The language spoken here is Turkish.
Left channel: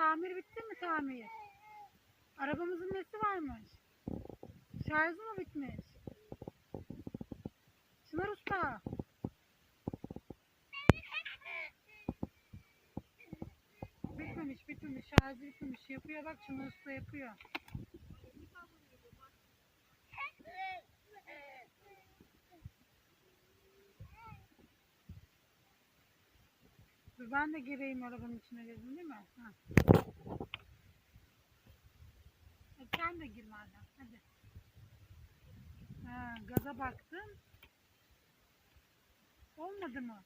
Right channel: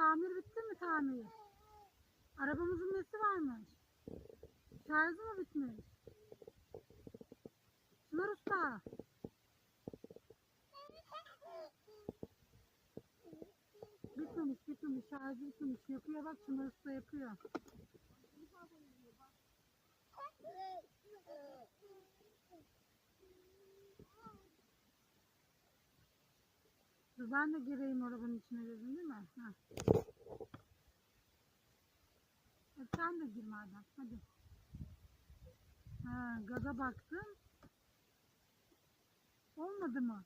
tamir bitti mi tamir? Arabamızın nesi varmış? Şarjı mı bitmiş? Çınar Usta. Bitmemiş. Şarjı bitmemiş. Yapıyor bak, Çınar Usta yapıyor. Dur ben de gireyim arabanın içine dedim değil mi? Ha. Sen de gir madem. Hadi. Ha, gaza baktım. Olmadı mı?